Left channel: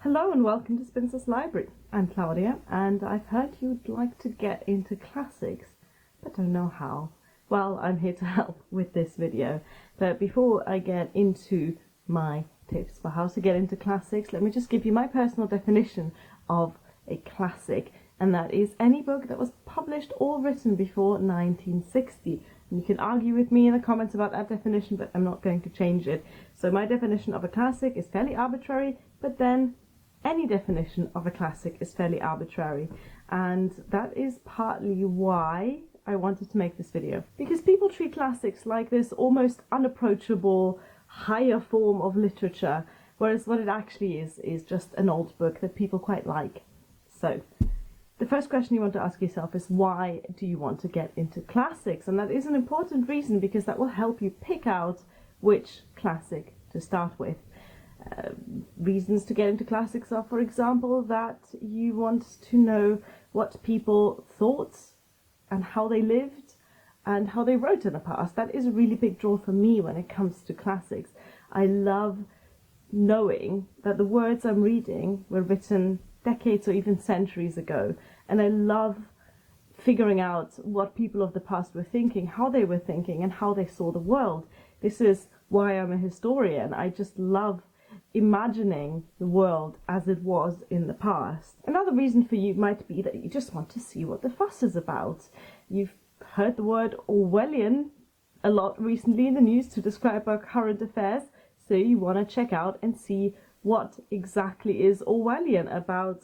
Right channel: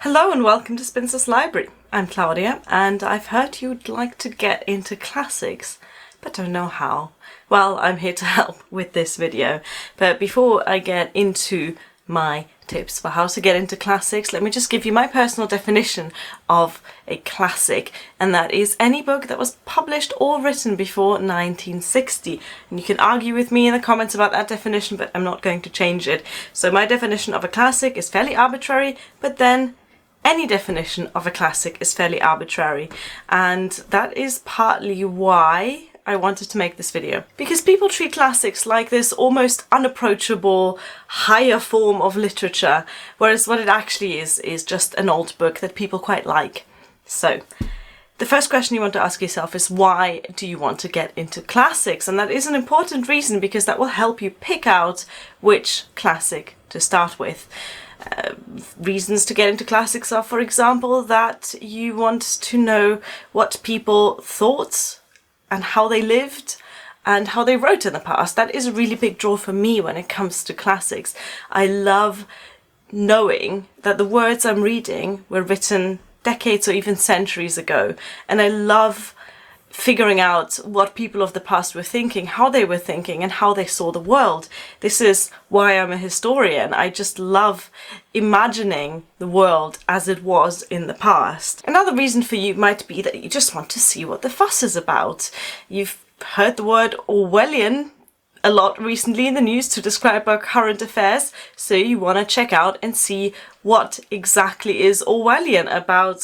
Hello and welcome to Spinster's Library. I'm Claudia and I've heard you'd like to get into classics, but don't know how. Well, I'm here to help with this video. But before I get into my tips for how to get into classics, let me just give you my personal definition of a classic, and that is any book that was published or written before 1960. And you can argue with me in the comments about that definition, but I'm not going to change it. So my definition of a classic is fairly arbitrary, but then any definition of a classic is fairly arbitrary, and that is partly why I wanted to make this video. Because people treat classics like this almost unapproachable higher form of literature, whereas what it actually is just an old book that people quite like. So the first question you want to ask yourself is, why do you want to get into classics? And that is an important reason, because that will help you pick out which classic to start with. Reasons to get into classics are, for example, that you want to know what people thought and how they lived and how they wrote in the past. That is a really big draw for me when it comes to classics. I love knowing that the words I'm reading were written decades or even centuries ago, and I love figuring out what people of the past were thinking, how they were thinking, and how they saw the world. This is why I'm a historian. I just love imagining the world as it was in the past. Another reason for you might be that you just want to see what the fuss is about. You've heard the word Orwellian a lot recently in the news to describe our current affairs, so you want to check out and see what exactly is Orwellian about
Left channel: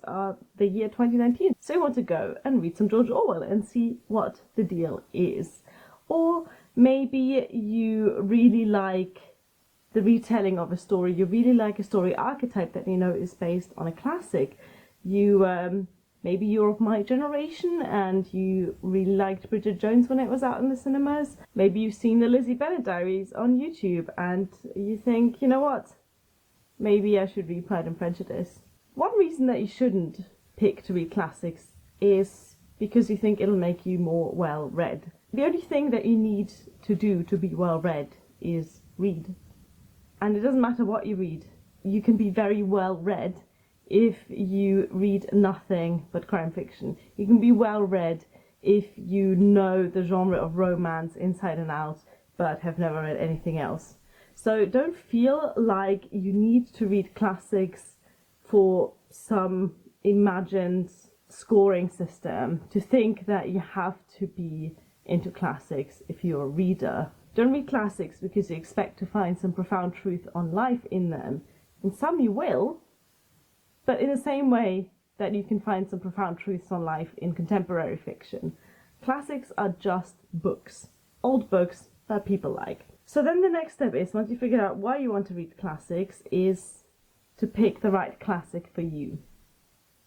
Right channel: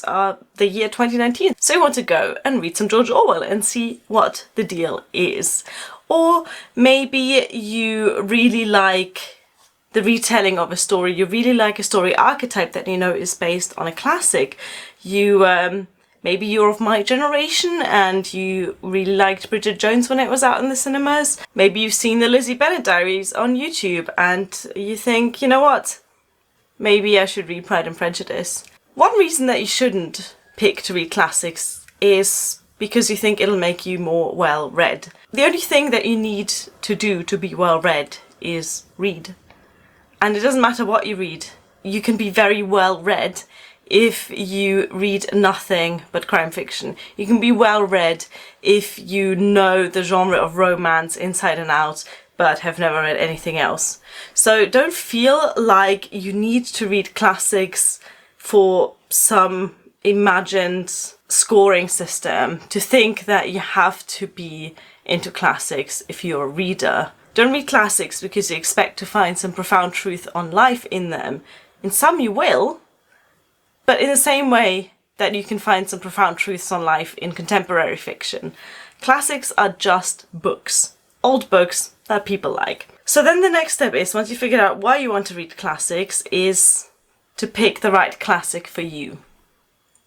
the year 2019. So you want to go and read some George Orwell and see what the deal is. Or maybe you really like the retelling of a story, you really like a story archetype that you know is based on a classic. Maybe you're of my generation and you really liked Bridget Jones when it was out in the cinemas. Maybe you've seen the Lizzie Bennet Diaries on YouTube and you think, you know what, maybe I should read Pride and Prejudice. One reason that you shouldn't pick to read classics is because you think it'll make you more well-read. The only thing that you need to do to be well-read is read. And it doesn't matter what you read. You can be very well-read if you read nothing but crime fiction. You can be well read if you know the genre of romance inside and out but have never read anything else. So don't feel like you need to read classics for some imagined scoring system, to think that you have to be into classics if you're a reader. Don't read classics because you expect to find some profound truth on life in them. In some you will, but in the same way that you can find some profound truths on life in contemporary fiction. Classics are just books. Old books that people like. So then the next step is, once you figure out why you want to read classics, is to pick the right classic for you.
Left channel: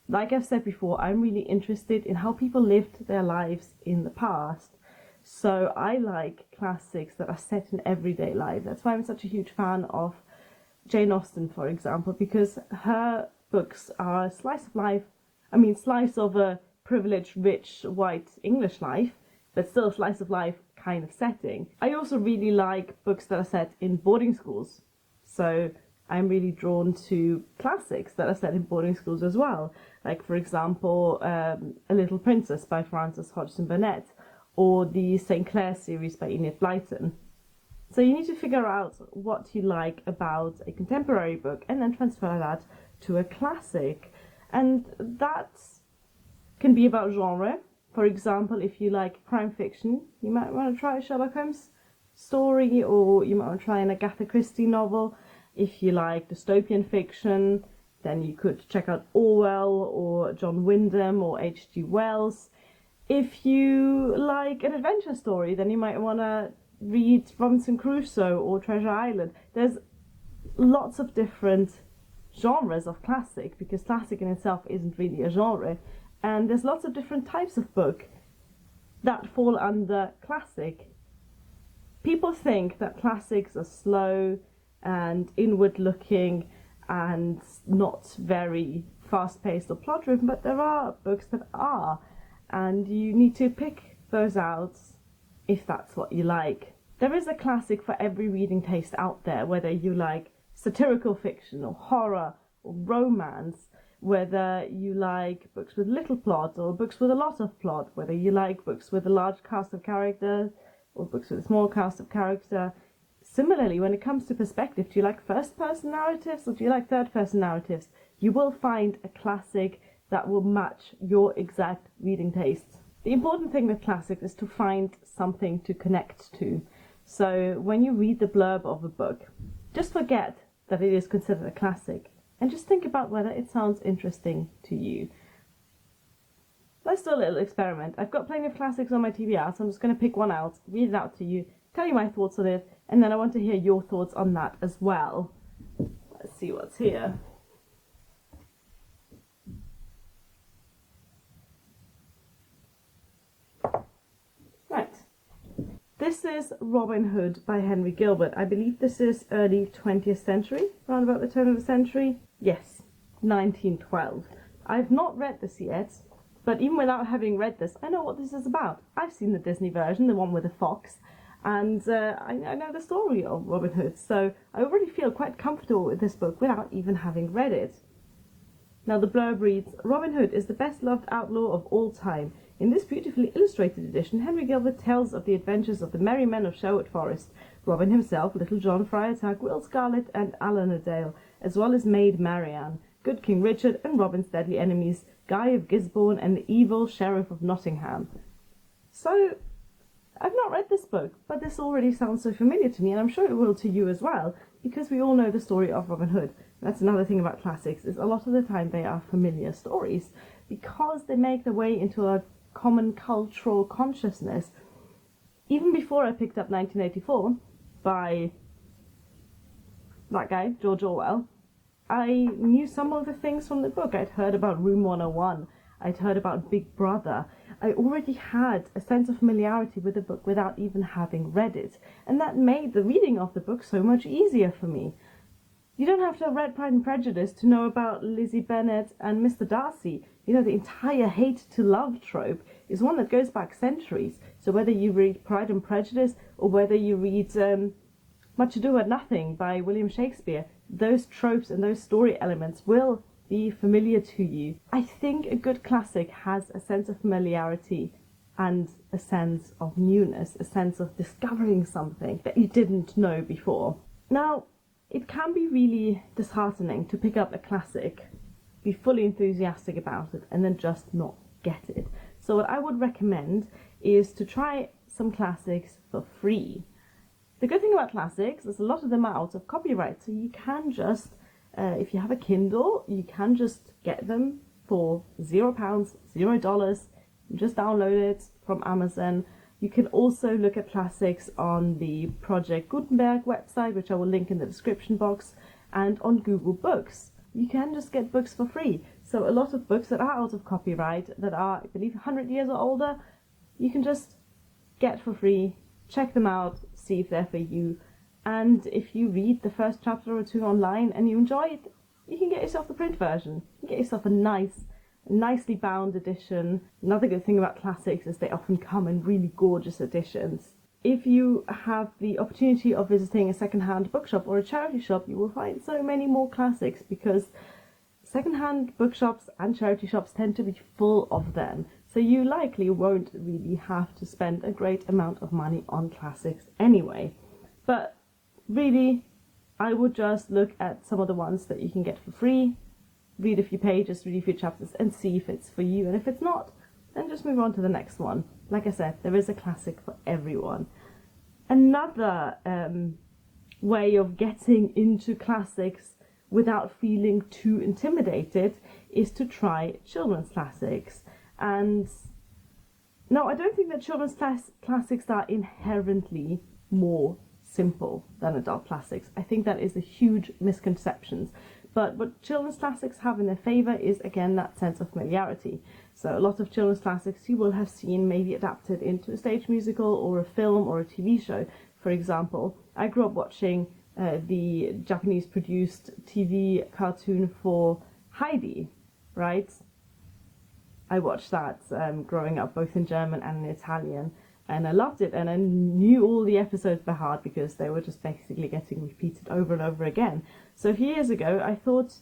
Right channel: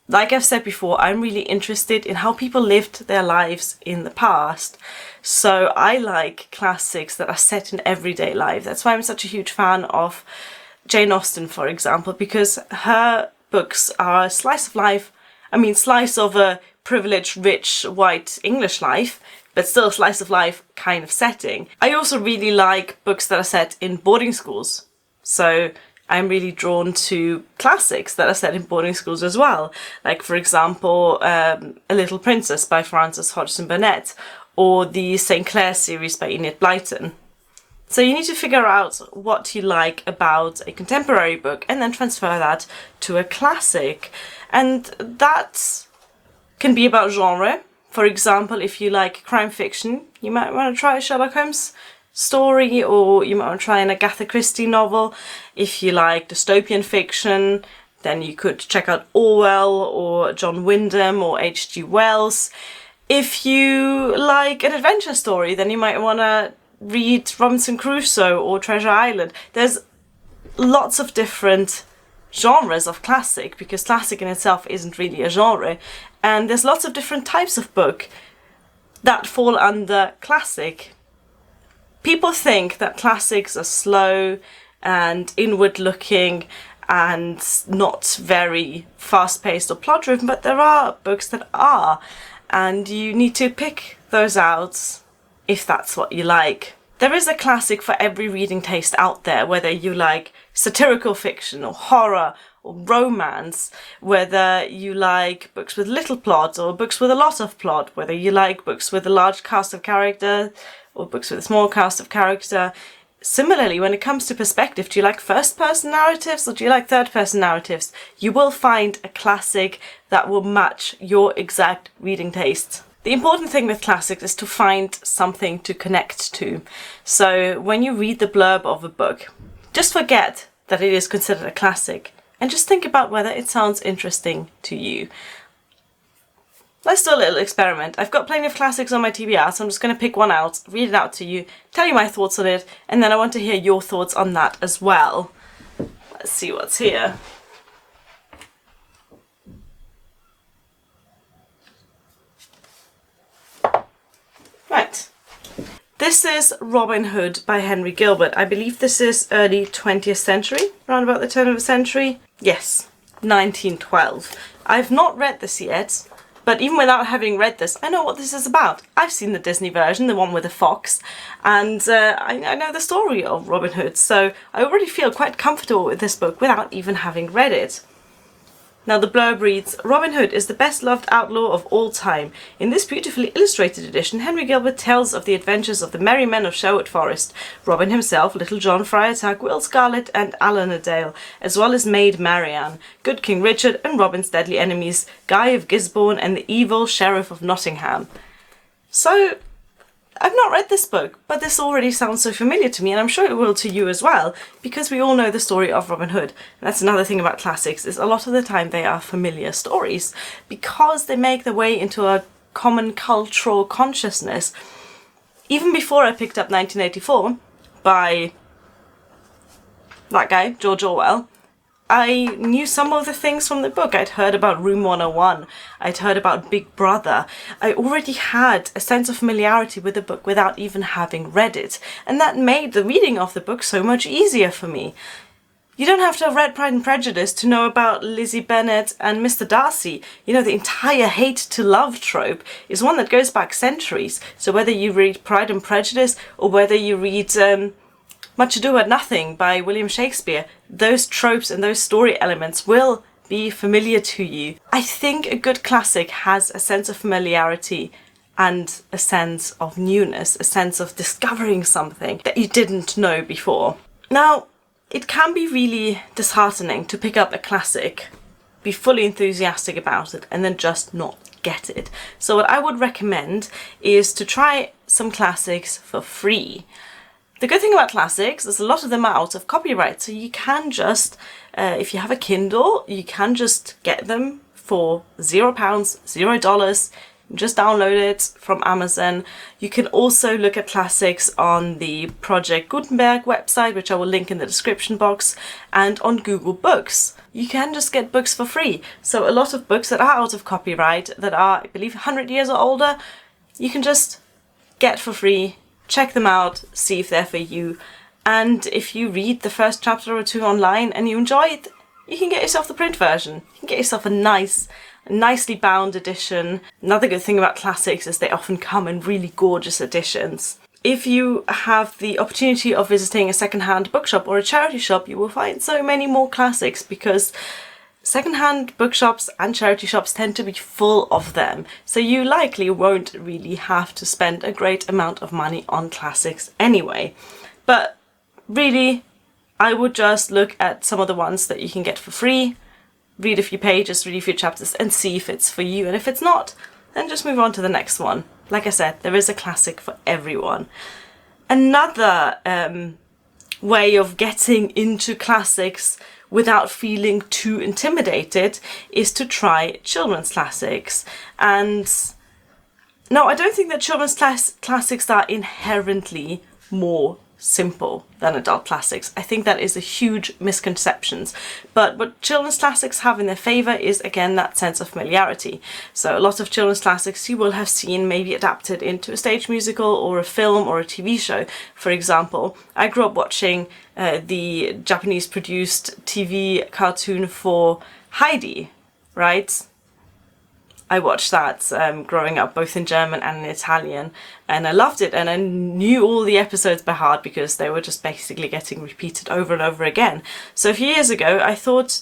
Like I've said before, I'm really interested in how people lived their lives in the past. So I like classics that are set in everyday life. That's why I'm such a huge fan of Jane Austen, for example, because her books are a slice of life. I mean, slice of a privileged, rich, white English life, but still a slice of life kind of setting. I also really like books that are set in boarding schools. So I'm really drawn to classics that are set in boarding schools as well. Like, for example, A Little Princess by Frances Hodgson Burnett, or the St. Clair series by Enid Blyton. So you need to figure out what you like about a contemporary book and then transfer that to a classic. And that can be about genre. For example, if you like crime fiction, you might want to try a Sherlock Holmes story, or you might want to try an Agatha Christie novel. If you like dystopian fiction, then you could check out Orwell or John Wyndham or H.G. Wells. If you like an adventure story, then you might want to read Robinson Crusoe or Treasure Island. There's lots of different genres of classic, because classic in itself isn't really a genre, and there's lots of different types of book that fall under classic. People think that classics are slow and inward looking and not very fast-paced or plot-driven, but there are books that are, and you need to pick those out if that's what you like. There is a classic for every reading taste out there, whether you like satirical fiction or horror or romance, whether you like books with little plot or books with a lot of plot, whether you like books with a large cast of character or books with a small cast of character. Similarly, when it comes to perspective, do you like first-person narratives or do you like third-person narratives? You will find a classic that will match your exact reading taste. The important thing with classics is to find something to connect to. So when you read the blurb of a book, just forget that it is considered a classic and just think about whether it sounds interesting to you. Let's do a little experiment. I've got plenty of classics on my TBR, so I'm just going to pick one out, read it out to you, tell you my thoughts on it, and then I want to hear your thoughts on that as well. Let's see what's here. Right. This is Robin Hood by Henry Gilbert. I believe this is early 20th century, around about the turn of the century. Yes, 1912. I've not read this yet. But even without having read this, I know what this is about. I've seen the Disney version, the one with the fox, and I know the story of Robin Hood, so I already feel quite comfortable with this book without even having read it. Now the blurb reads, Robin Hood is the best-loved outlaw of all time. In this beautifully illustrated edition, Henry Gilbert tells of the adventures of the merry men of Sherwood Forest, Robin himself, Little John, Friar Tuck, Will Scarlet and Alan a Dale, as well as Maid Marianne, good King Richard and Robin's deadly enemies, Guy of Gisborne and the evil Sheriff of Nottingham. So, I've not read this book, but this already sounds so familiar to me, and I'm sure it will to you as well, because we all know the story of Robin Hood. And that's another thing about classics, is a lot of the time they are familiar stories, because they make their way into a common cultural consciousness. Even before I picked up 1984 by that guy, George Orwell, I knew some of the things from the book. I'd heard about Room 101, I'd heard about Big Brother. I already had a sense of familiarity with the book without even having read it, and that made the reading of the book so much easier for me. You don't have to have read Pride and Prejudice to know about Lizzie Bennet and Mr. Darcy. You know, the entire hate to love trope is one that goes back centuries. So whether you read Pride and Prejudice or whether you read Much Ado About Nothing by William Shakespeare, those tropes and those story elements will be familiar to you. I think a good classic has a sense of familiarity and a sense of newness, a sense of discovering something that you didn't know before. Now, it can be really disheartening to pick up a classic, be fully enthusiastic about it, and then just not get it. So what I would recommend is to try some classics for free. The good thing about classics is a lot of them are out of copyright, so you can just, if you have a Kindle, you can just get them for £0, $0, just download it from Amazon. You can also look at classics on the Project Gutenberg website, which I will link in the description box, and on Google Books. You can just get books for free. So a lot of books that are out of copyright, that are, I believe, 100 years or older, you can just get for free. Check them out, see if they're for you, and if you read the first chapter or two online and you enjoy it, you can get yourself the print version. You can get yourself a nicely bound edition. Another good thing about classics is they often come in really gorgeous editions. If you have the opportunity of visiting a second-hand bookshop or a charity shop, you will find so many more classics, because second-hand bookshops and charity shops tend to be full of them, so you likely won't really have to spend a great amount of money on classics anyway. But really, I would just look at some of the ones that you can get for free, read a few pages, read a few chapters, and see if it's for you, and if it's not, then just move on to the next one. Like I said, there is a classic for everyone. Another way of getting into classics without feeling too intimidated is to try children's classics. And no, I don't think that children's classics are inherently more simple than adult classics. I think that is a huge misconception. But what children's classics have in their favour is, again, that sense of familiarity. So a lot of children's classics you will have seen maybe adapted into a stage musical or a film or a TV show. For example, I grew up watching the Japanese produced TV cartoon for Heidi, right? I watched that growing up, both in German and in Italian, and I loved it, and I knew all the episodes by heart because they were just basically getting repeated over and over again. So a few years ago I thought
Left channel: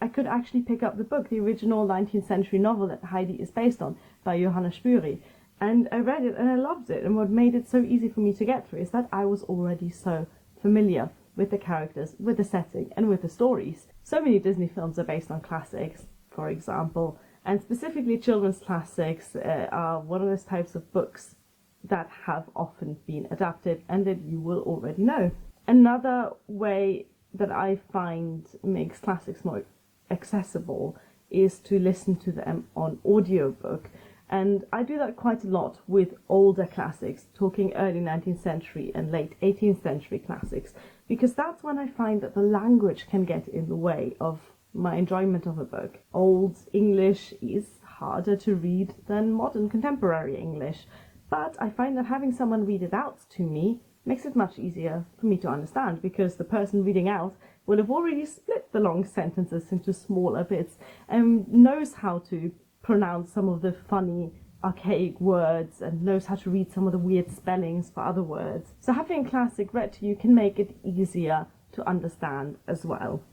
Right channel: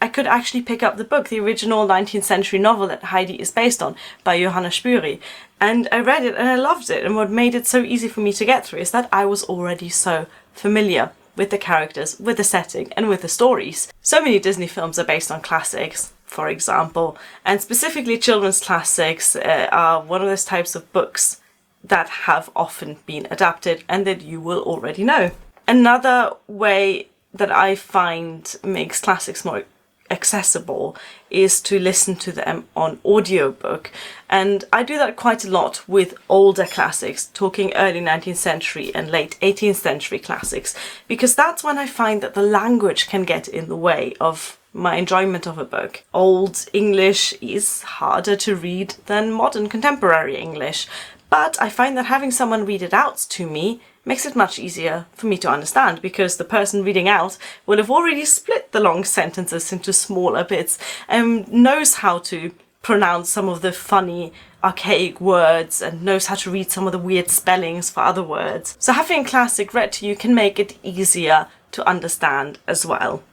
I could actually pick up the book, the original 19th century novel that Heidi is based on by Johanna Spüri. And I read it and I loved it. And what made it so easy for me to get through is that I was already so familiar with the characters, with the setting, and with the stories. So many Disney films are based on classics, for example, and specifically children's classics are one of those types of books that have often been adapted and that you will already know. Another way that I find makes classics more accessible is to listen to them on audiobook, and I do that quite a lot with older classics, talking early 19th century and late 18th century classics, because that's when I find that the language can get in the way of my enjoyment of a book. Old English is harder to read than modern contemporary English, but I find that having someone read it out to me makes it much easier for me to understand, because the person reading out will have already split the long sentences into smaller bits and knows how to pronounce some of the funny archaic words and knows how to read some of the weird spellings for other words. So having a classic read to you can make it easier to understand as well.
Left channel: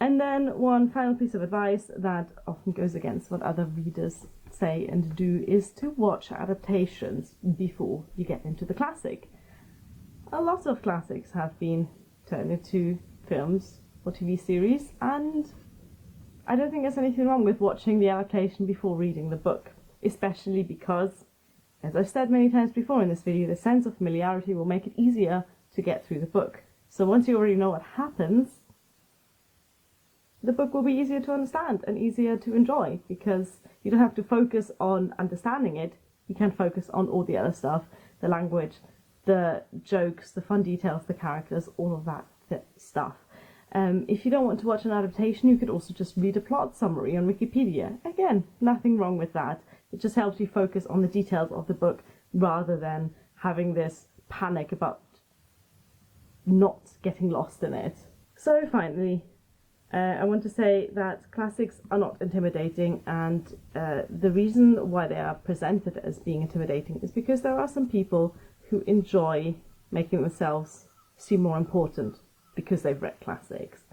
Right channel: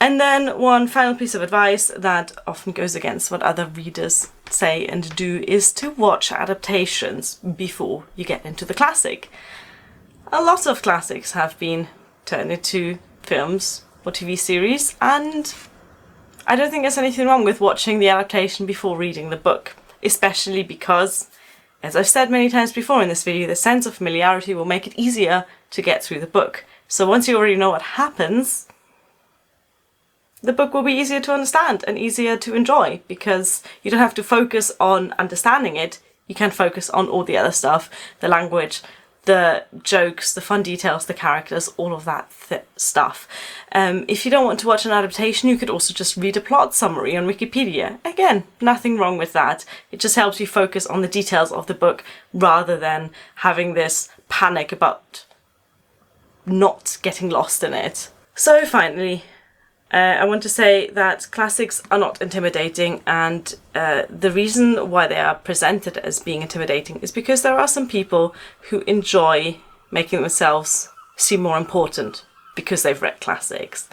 And then one final piece of advice that often goes against what other readers say and do is to watch adaptations before you get into the classic. A lot of classics have been turned into films or TV series, and I don't think there's anything wrong with watching the adaptation before reading the book, especially because, as I've said many times before in this video, the sense of familiarity will make it easier to get through the book. So once you already know what happens, the book will be easier to understand and easier to enjoy, because you don't have to focus on understanding it. You can focus on all the other stuff, the language, the jokes, the fun details, the characters, all of that stuff. If you don't want to watch an adaptation, you could also just read a plot summary on Wikipedia. Again, nothing wrong with that. It just helps you focus on the details of the book rather than having this panic about not getting lost in it. So finally, I want to say that classics are not intimidating, and the reason why they are presented as being intimidating is because there are some people who enjoy making themselves seem more important because they've read classics.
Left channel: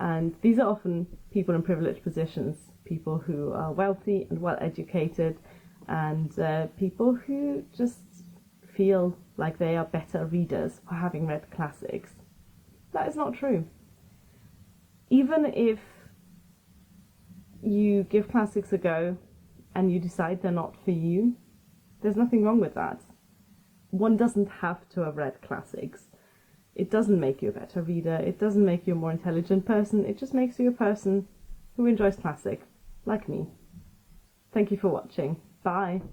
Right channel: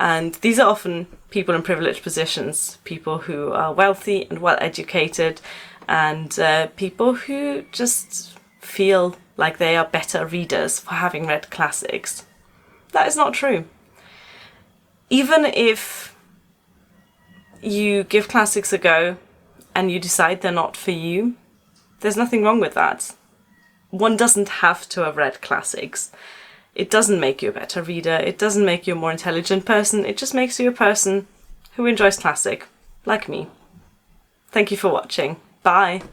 And these are often people in privileged positions, people who are wealthy and well educated, and people who just feel like they are better readers for having read classics. That is not true. Even if you give classics a go and you decide they're not for you, there's nothing wrong with that. One doesn't have to have read classics. It doesn't make you a better reader, it doesn't make you a more intelligent person, it just makes you a person who enjoys classic, like me. Thank you for watching. Bye!